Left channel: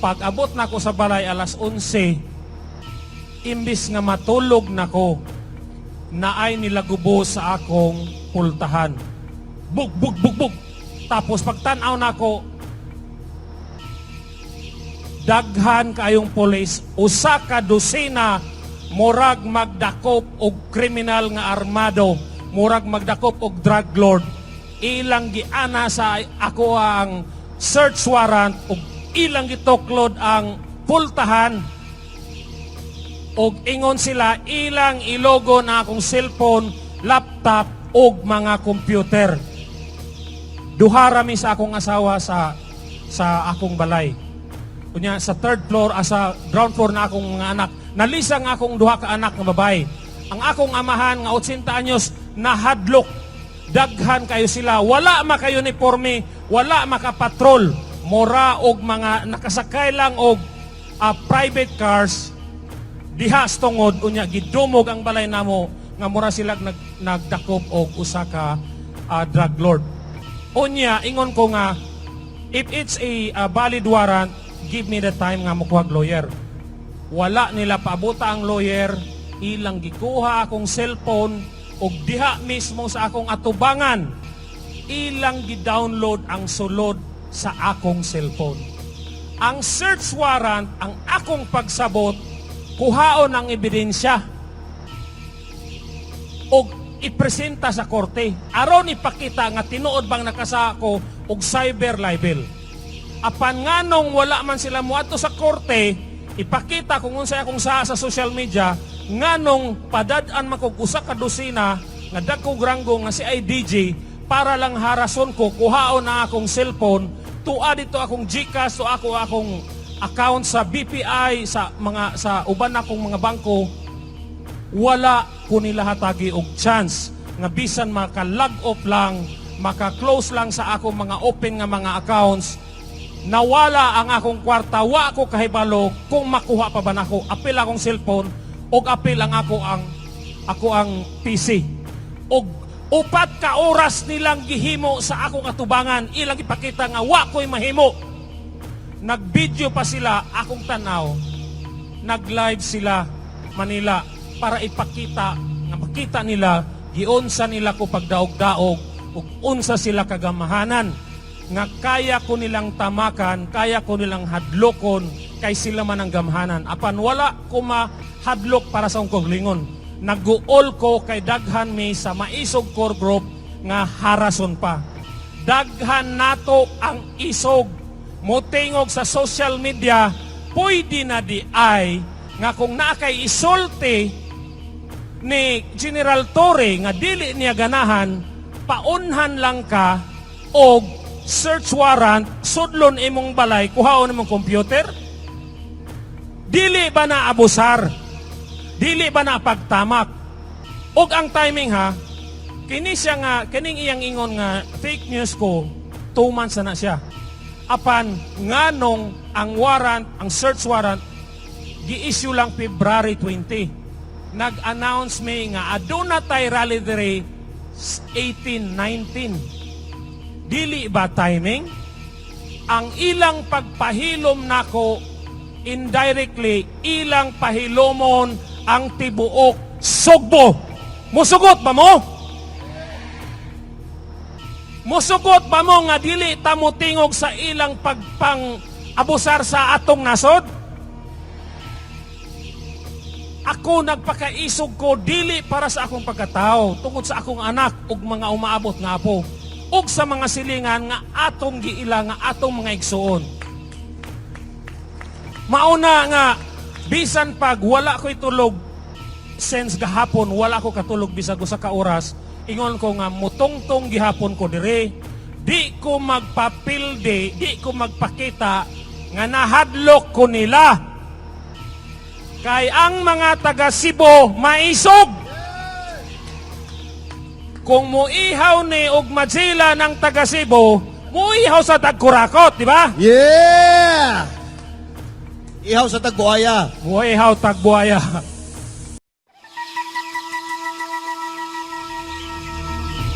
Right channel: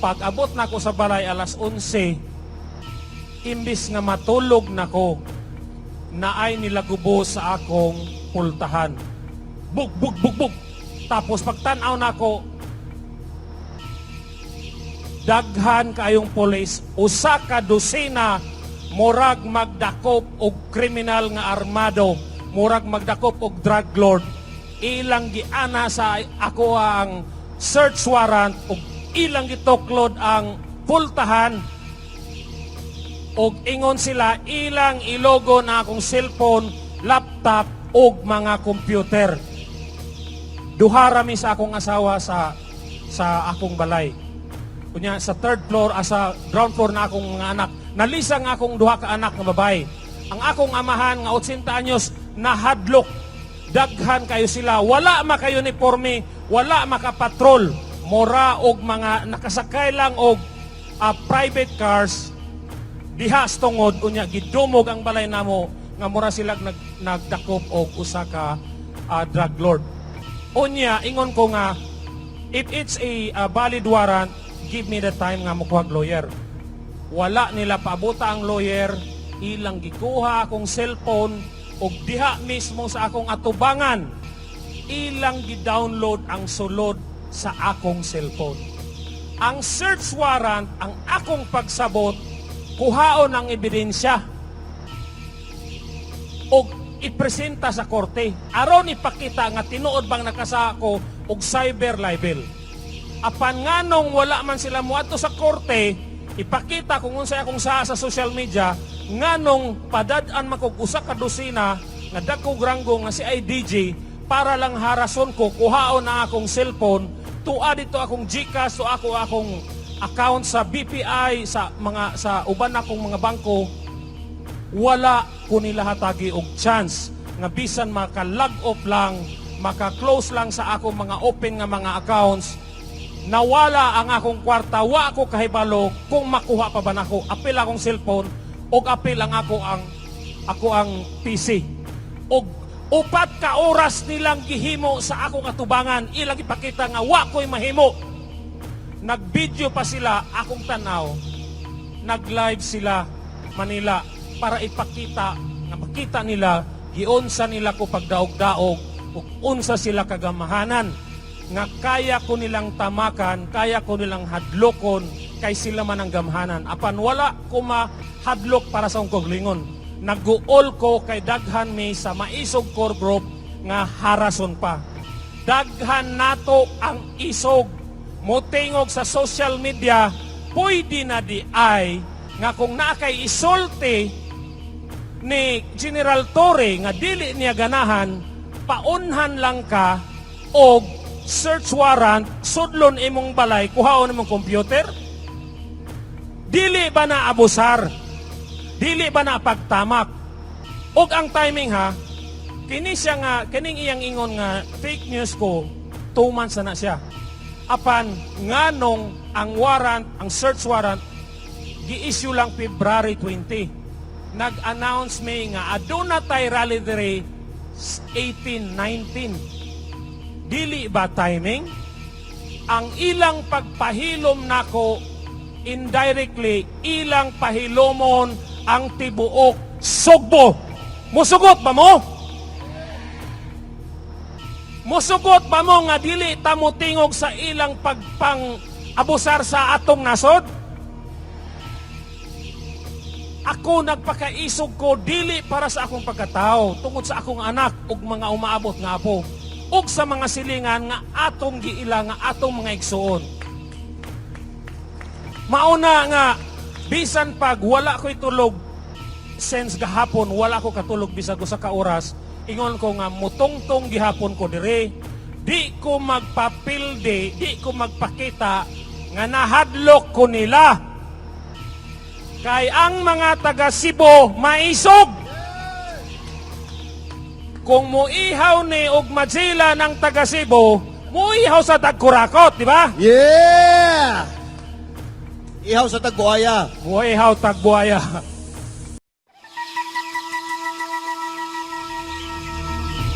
Pag abot na ko sa balay alas 11, imbis nga matulog na ko, naay nila gubo sa akong pultahan. Bug, bug, bug, bug. Tapos pagtanaw na ko, daghan kayong polis, usa ka dosina, murag magdakop og kriminal nga armado, murag magdakop og drug lord, ilang giana sa ako ang search warrant og ilang gituklod ang pultahan og ingon sila ilang ilogo na akong cellphone, laptop og mga computer. Duha rami sa akong asawa sa akong balay. Kunya sa third floor, sa ground floor na akong mga anak. Nalisang akong duha ka anak nga babae. Ang akong amahan nga 80 anyos nahadlok. Daghan kayo sila. Wala maka uniforme, wala maka patrol. Mora og mga nakasakay lang og private cars. Dihas tungod unya gidumog ang balay namo nga mura sila nagdakop og usa ka drug lord. Unya ingon ko nga if it's a valid warrant, give me the time nga mokuha lawyer. Wala nila paabota ang lawyer, ilang gikuha akong cellphone og diha mismo sa akong atubangan, ilang gi-download ang sulod sa akong cellphone. Ang search warrant, ang akong pagsabot, kuhaon ang ebidensya og ipresenta sa korte. Aron ipakita nga tinuod bang nakasa ako og cyber libel. Apan nganong wala man sila muadto sa korte, ipakita kung unsay akong sa social media, nganong padad-an makog usa ka dosina nga dagkog ranggo nga si IDG para lang harason ko, kuhaon na akong cellphone, tuwa dito akong GCash, to akong account sa BPI, sa uban akong mga bangko. Wala ko nila hatagi og chance nga bisan maka-log off lang, maka-close lang sa akong mga open nga mga accounts. Nawala ang akong kwarta, wa ako kahibalo kung makuha pa ba nako. Apil akong cellphone og apil ang ako ang PC. Og upat ka oras nilang gihimo sa akong atubangan, ilang ipakita nga wa ko'y mahimo. Nag-video pa sila akong tanaw. Nag-live sila Manila para ipakita nga makita nila giunsa nila ko pagdaog-daog ug unsa sila kagamahanan nga kaya ko nilang tamakan, kaya ko nilang hadlokon kay sila man ang gamahanan. Apan wala ko mahadlok para sa akong koglingon. Nag-uol ko kay daghan mi sa maisog core group nga harason pa. Daghan nato ang isog motingog sa social media, pwede na di ay nga kung nakay isulti ni General Torre nga dili niya ganahan, paunhan lang ka og search warrant, sudlon imong balay, kuhaon imong computer. Dili ba na abusar? Dili ba na pagtamak? Og ang timing ha, kini siya nga, kining iyang ingon nga fake news ko, 2 months na siya. Apan nganong ang warrant, ang search warrant, gi-issue lang February 20. Nag-announce may nga aduna tay rally dire 18-19. Dili ba timing? Ang ilang pagpahilom nako indirectly, ilang pahilomon ang tibuok Sugbo. Musugot ba mo? Musugot ba mo nga dili ta mo tingog sa ilang pagpang-abusar sa atong nasod? Ako nagpakaisog ko dili para sa akong pagkatao, tungod sa akong anak ug mga umaabot nga apo, ug sa mga silingan nga atong giila nga atong mga igsuon. Mauna nga bisan pag wala ko'y tulog since gahapon, wala ko katulog bisag usa ka oras, ingon ko nga mutongtong gihapon ko dire, di ko magpapilde, di ko magpakita nga nahadlok ko nila. Kay ang mga taga Cebu maisog. Kung muihaw ni og Madzila ng taga Cebu, muihaw sa Tagkurakot, di ba? Yeah! Ihaw sa Tagbuaya. Muihaw Tagbuaya.